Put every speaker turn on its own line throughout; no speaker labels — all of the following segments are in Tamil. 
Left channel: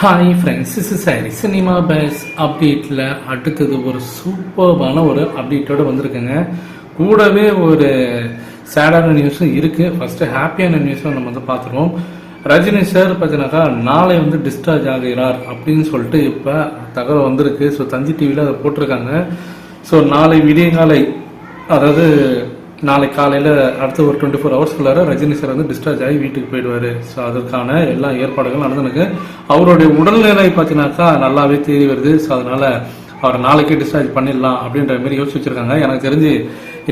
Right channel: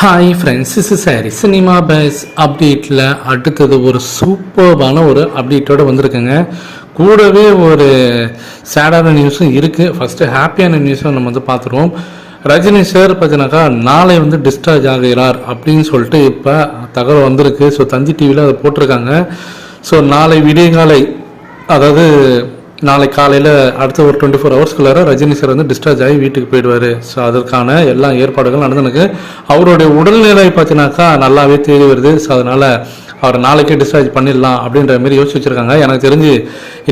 ஹாய் ஃப்ரெண்ட்ஸ் இஸ் சாரி சினிமா பேஸ் அப்டேட்டில் அடுத்தது ஒரு சூப்பர்பான ஒரு அப்டேட்டோடு வந்திருக்குங்க. கூடவே ஒரு சேடான நியூஸும் இருக்குது ஃபஸ்ட்டு ஹாப்பியான நியூஸும் நம்ம வந்து பார்த்துருவோம். ரஜினி சார் பார்த்தீங்கன்னாக்கா நாளை வந்து டிஸ்சார்ஜ் ஆகிறார் அப்படின்னு சொல்லிட்டு இப்போ தகவல் வந்திருக்கு. ஸோ தந்தி டிவியில் அதை போட்டிருக்காங்க. ஸோ நாளை விடியகாலை அதாவது நாளை காலையில் அடுத்த ஒரு டுவெண்ட்டி ஃபோர் ஹவர்ஸ்க்குள்ளார ரஜினி சார் வந்து டிஸ்சார்ஜ் ஆகி வீட்டுக்கு போயிடுவார். ஸோ அதற்கான எல்லா ஏற்பாடுகளும் நடந்துனுக்கு அவருடைய உடல்நிலை பார்த்தினாக்கா நல்லாவே தேடி வருது. ஸோ அதனால் அவரை நாளைக்கே டிஸ்சார்ஜ் பண்ணிடலாம் அப்படின்ற மாதிரி யோசிச்சு வச்சுருக்காங்க. எனக்கு தெரிஞ்சு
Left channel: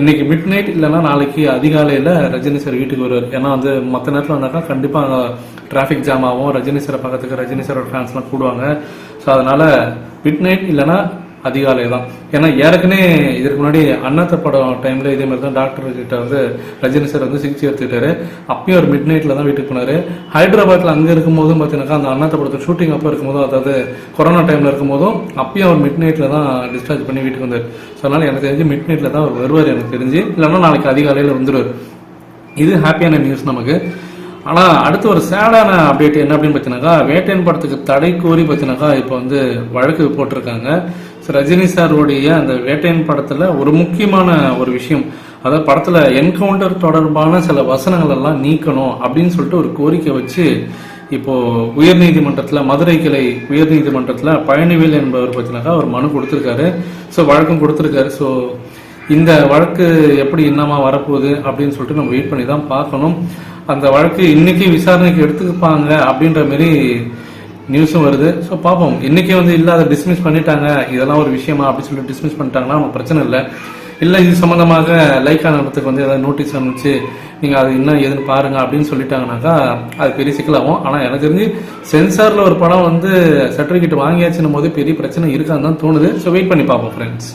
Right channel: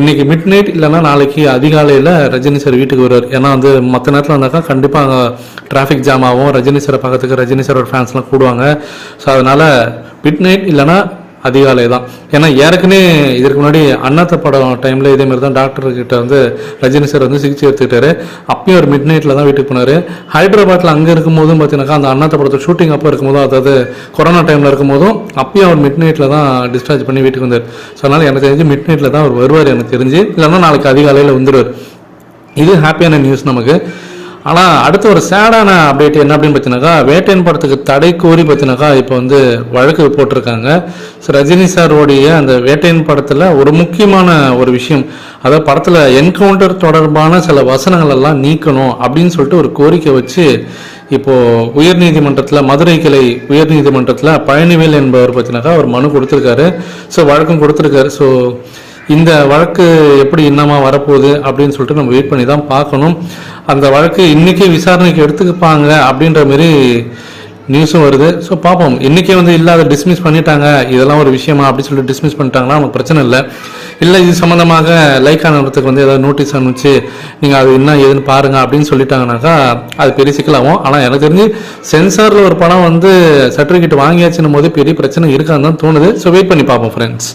இன்றைக்கி மிட் நைட் இல்லைன்னா நாளைக்கு அதிகாலையில் ரஜினி சார் வீட்டுக்கு வருவார். ஏன்னா வந்து மற்ற நேரத்தில் வந்தாக்கா கண்டிப்பாக அங்கே டிராஃபிக் ஜாம் ஆகும். ரஜினி சாரை பார்க்கறதுக்கு ரஜினி சாரோட ஃபேன்ஸ்லாம் கூடுவாங்க. ஸோ அதனால் மிட் நைட் இல்லைன்னா அதிகாலை தான் ஏன்னா ஏற்கனவே இதற்கு முன்னாடி அண்ணாத்த படம் டைமில் இதே மாதிரி தான் டாக்டர் கிட்ட வந்து ரஜினி சார் வந்து சிகிச்சை எடுத்துக்கிட்டாரு. அப்பயும் ஒரு மிட் நைட்டில் தான் வீட்டுக்கு போனார். ஹைதராபாத்தில் அங்கே இருக்கும்போதும் பார்த்தீங்கன்னாக்கா அந்த அண்ணாத்த படத்தை ஷூட்டிங் அப்போ இருக்கும்போதும் அதாவது கொரோனா டைமில் இருக்கும்போதும் அப்பயும் அவர் மிட் நைட்டில் தான் டிஸ்சார்ஜ் பண்ணி வீட்டுக்கு வந்தார். ஸோ அதனால் எனக்கு தெரிஞ்சு மிட் நைட்டில் தான் அவர் வருவார் எனக்கு தெரிஞ்சு. இல்லைன்னா நாளைக்கு அதிகாலையில் வந்துடுவார் இது ஹாப்பியான நியூஸ் நமக்கு. ஆனால் அடுத்து ஒரு சேடான அப்டேட் என்ன அப்படின்னு பார்த்தீங்கன்னாக்கா வேட்டையன் படத்துக்கு தடை கோரி பார்த்தீங்கன்னாக்கா இப்போ வந்து வழக்கு போட்டிருக்காங்க. ஸோ ரஜினி சாரோடைய அந்த வேட்டையன் படத்தில் ஒரு முக்கியமான ஒரு விஷயம். அதாவது படத்தில் என்கவுண்டர் தொடர்பான சில வசனங்கள் எல்லாம் நீக்கணும் அப்படின்னு சொல்லிட்டு ஒரு கோரிக்கை வச்சு இப்போது உயர்நீதிமன்றத்தில் மதுரை கிளை உயர்நீதிமன்றத்தில் பழனிவேல் என்பவர் பார்த்தீங்கன்னாக்கா ஒரு மனு கொடுத்துருக்காரு. ஸோ வழக்கம் கொடுத்துருக்காரு. ஸோ இந்த வழக்கு எப்படி இன்னமா வரப்போகுது அப்படின்னு சொல்லிட்டு நம்ம வெயிட் பண்ணி தான் பார்க்கணும். அந்த வழக்கு இன்னைக்கு விசாரணைக்கு எடுத்துக்கப்பாங்க அப்படின்ற மாரி நியூஸும் வருது. ஸோ பார்ப்போம். இன்னைக்கே வந்து இல்லாத டிஸ்மிஸ் பண்ணிட்டாங்க. இதெல்லாம் ஒரு விஷயமா அப்படின்னு சொல்லிட்டு டிஸ்மிஸ் பண்ணிட்டாங்கன்னா நமக்கு பிரச்சனை இல்லை. இல்லை இது சம்மந்தமாக லைக் ஆனத்துக்கு வந்து ஏதாவது நோட்டீஸ் அனுப்பிச்சு நீங்கள் அது என்ன ஏதுன்னு பாருங்க அப்படின்னு சொல்லிட்டாங்கனாக்கா அது பெரிய சிக்கலாகும் ஆனால் எனக்கு தெரிஞ்சு சென்சாரில் ஒரு படம் வந்து சர்டிஃபிகேட் வாங்கியாச்சுன்னும் போது பெரிய பிரச்சனை இருக்கான்னு தான் தோணுது. ஸோ வெயிட் பண்ணி பார்ப்போம் ஃப்ரெண்ட்ஸ்